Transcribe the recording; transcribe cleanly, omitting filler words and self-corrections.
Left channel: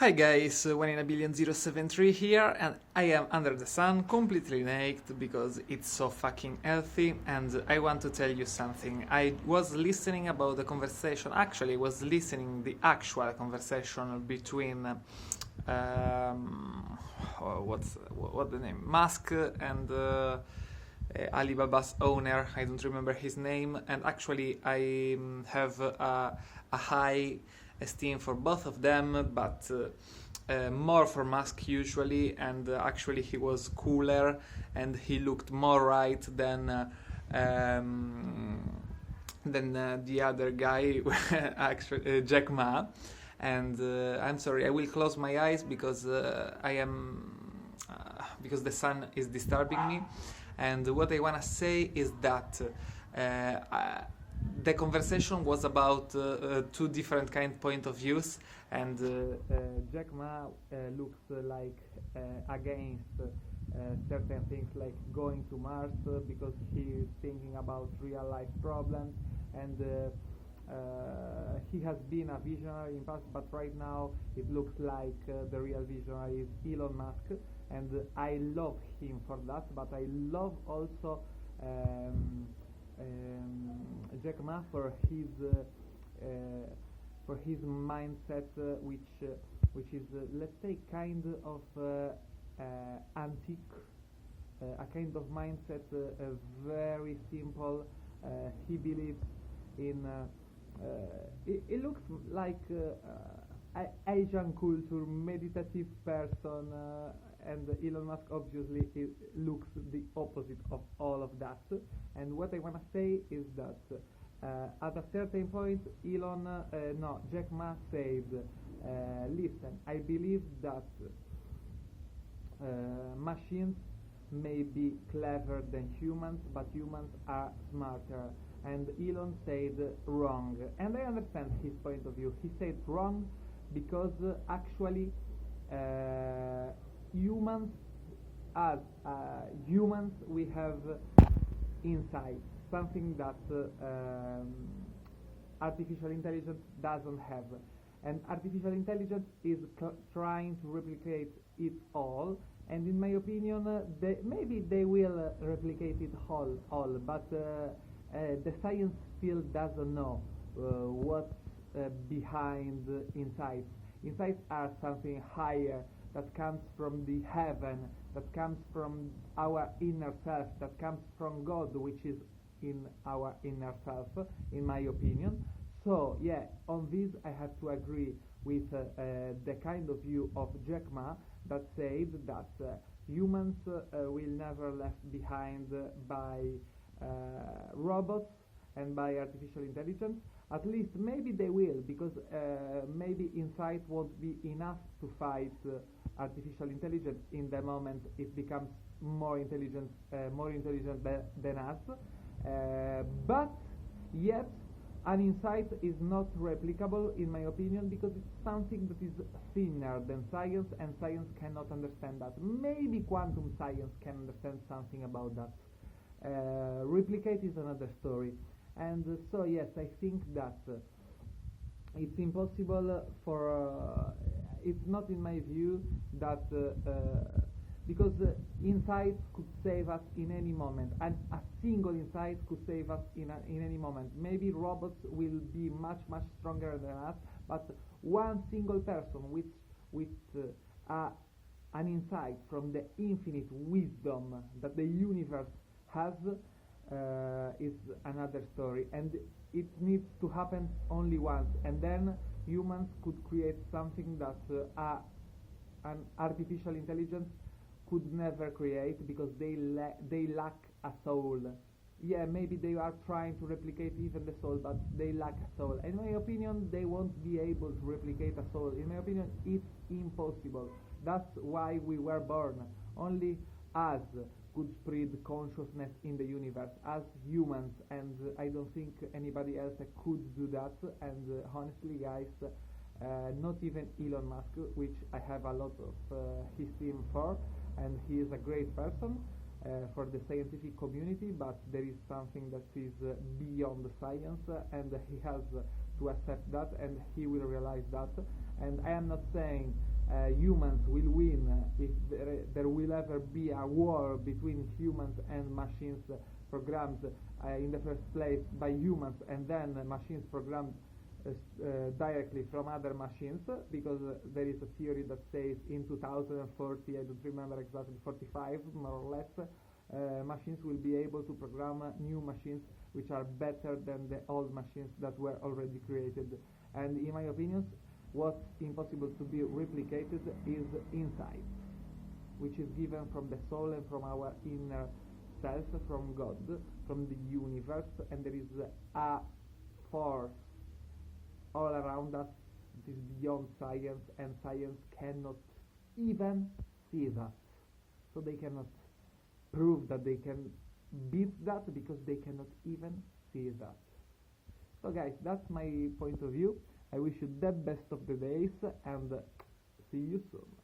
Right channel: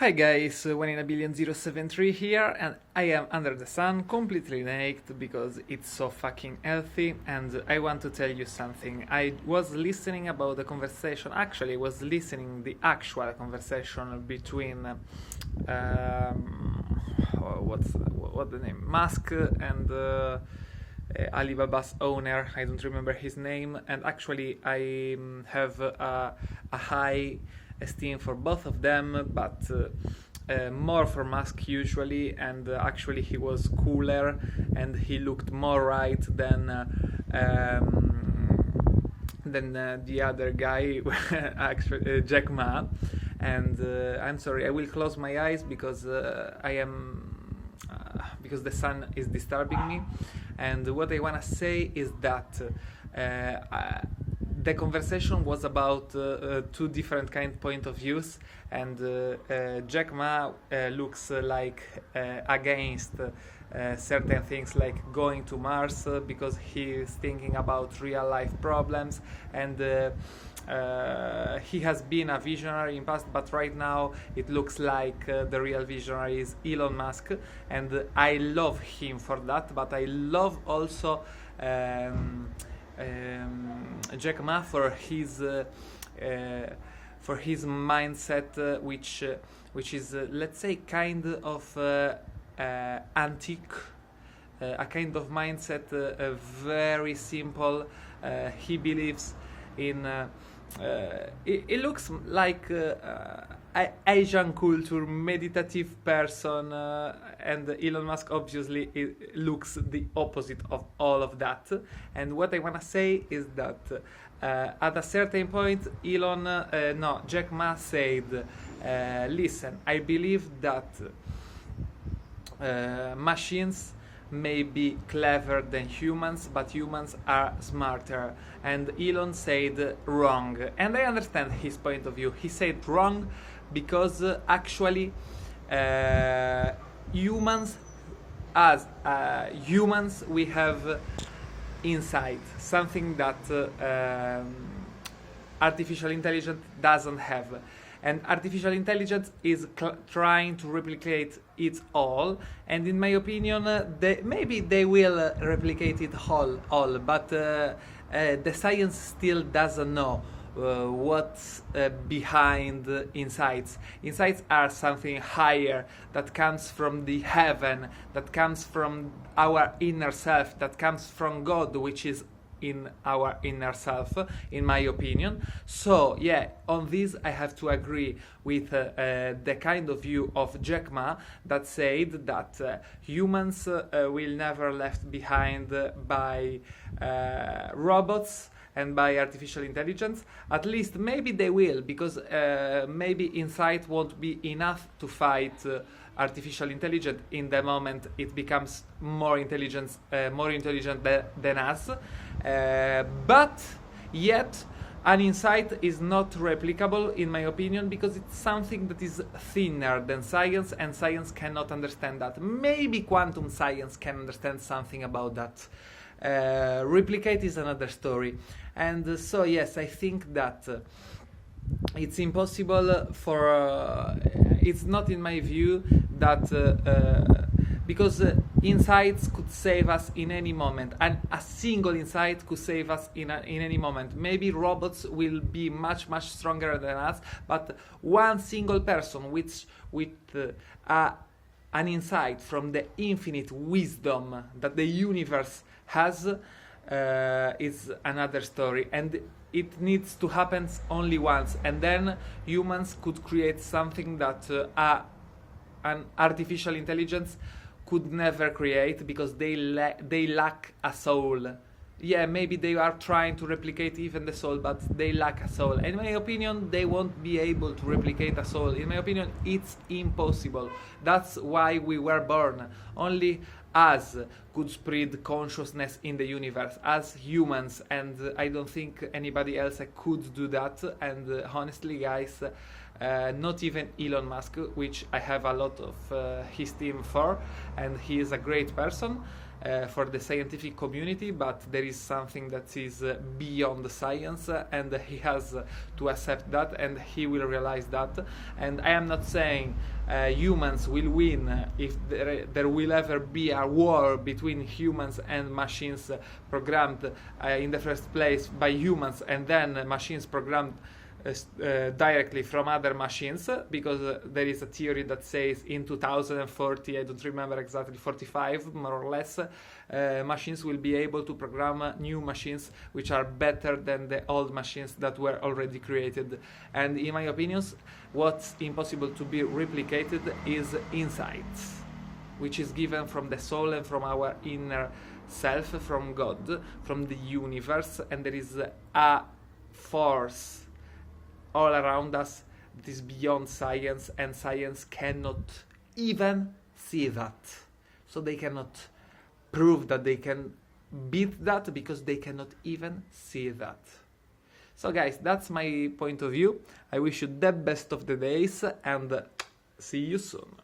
Hi guys, 1 in a billion 073 here, and I am under the sun, completely naked because it's so fucking healthy, and I want to tell you something. I was listening about the conversation, actually I was listening the actual conversation between what the name, Musk and Alibaba's owner. I don't remember his name, and actually I have a high esteem for both of them, but more for Musk usually, and actually he was cooler and he looked more right than the other guy, actually Jack Ma. And I'm sorry, I will close my eyes because because the sun is disturbing me. And what I wanna say is that the conversation was about two different point of views, and Jack Ma looks like against certain things like going to Mars because he is thinking about real life problems, and he has been a visionary in past, but right now it looks like the real visionary is Elon Musk, and I love him for that, but I love also Jack Ma for his mindset, which is let's say kind of antique, a kind of mindset, very simple. He believes in. It looks like Asian culture, meditative person, and Elon Musk obviously looks the opposite of all of that. And what I wanna say is that at a certain point, Jack Ma said, "Listen, I believe that machines may be clever than humans, but humans are smarter." And Elon said wrong, and I understand his point of view. He said wrong because actually humans we have insight, something that artificial intelligence doesn't have, and artificial intelligence is trying to replicate it all, and in my opinion maybe they will replicate it all, but the science still doesn't know what's behind insights. Insights are something higher that comes from the heaven, that comes from our inner self, that comes from God, which is in our inner self, in my opinion. So yeah, on this I have to agree with the kind of view of Jack Ma that said that humans will never left behind by robots and by artificial intelligence. At least maybe they will, because maybe insight won't be enough to fight artificial intelligence in the moment it becomes more intelligent than us. But yet an insight is not replicable in my opinion, because it's something that is thinner than science, and science cannot understand that. Maybe quantum science can understand something about that. Replicate is another story. And so yes, I think that it's impossible for it's not in my view that because insights could save us in any moment, and a single insight could save us in any moment. Maybe robots will be much stronger than us, but one single person with an insight from the infinite wisdom that the universe has is another story, and it needs to happen only once, and then humans could create something that an artificial intelligence could never create, because they lack a soul. Yeah, maybe they are trying to replicate even the soul, but they lack a soul. In my opinion, they won't be able to replicate a soul. In my opinion, it's impossible. That's why we were born. Only us could spread consciousness in the universe as humans, and I don't think anybody else could do that. And honestly guys, not even Elon Musk, which I have a lot of esteem for, and he is a great person, for the scientific community, but there is something that is beyond the science, and he has to accept that, and he will realize that. And I am not saying humans will win if there will ever be a war between humans and machines programmed in the first place by humans, and then machines programmed directly from other machines, because there is a theory that says in 2040, I don't remember exactly, 45 more or less, machines will be able to program new machines which are better than the old machines that were already created. And in my opinion, what's impossible to be replicated is insights, which is given from the soul and from our inner self, from God, from the universe, and there is a force all around us that is beyond science, and science cannot even see that. So they cannot prove that they can beat that, because they cannot even see that. So guys, that's my point of view. I wish you the best of the days, and see you soon.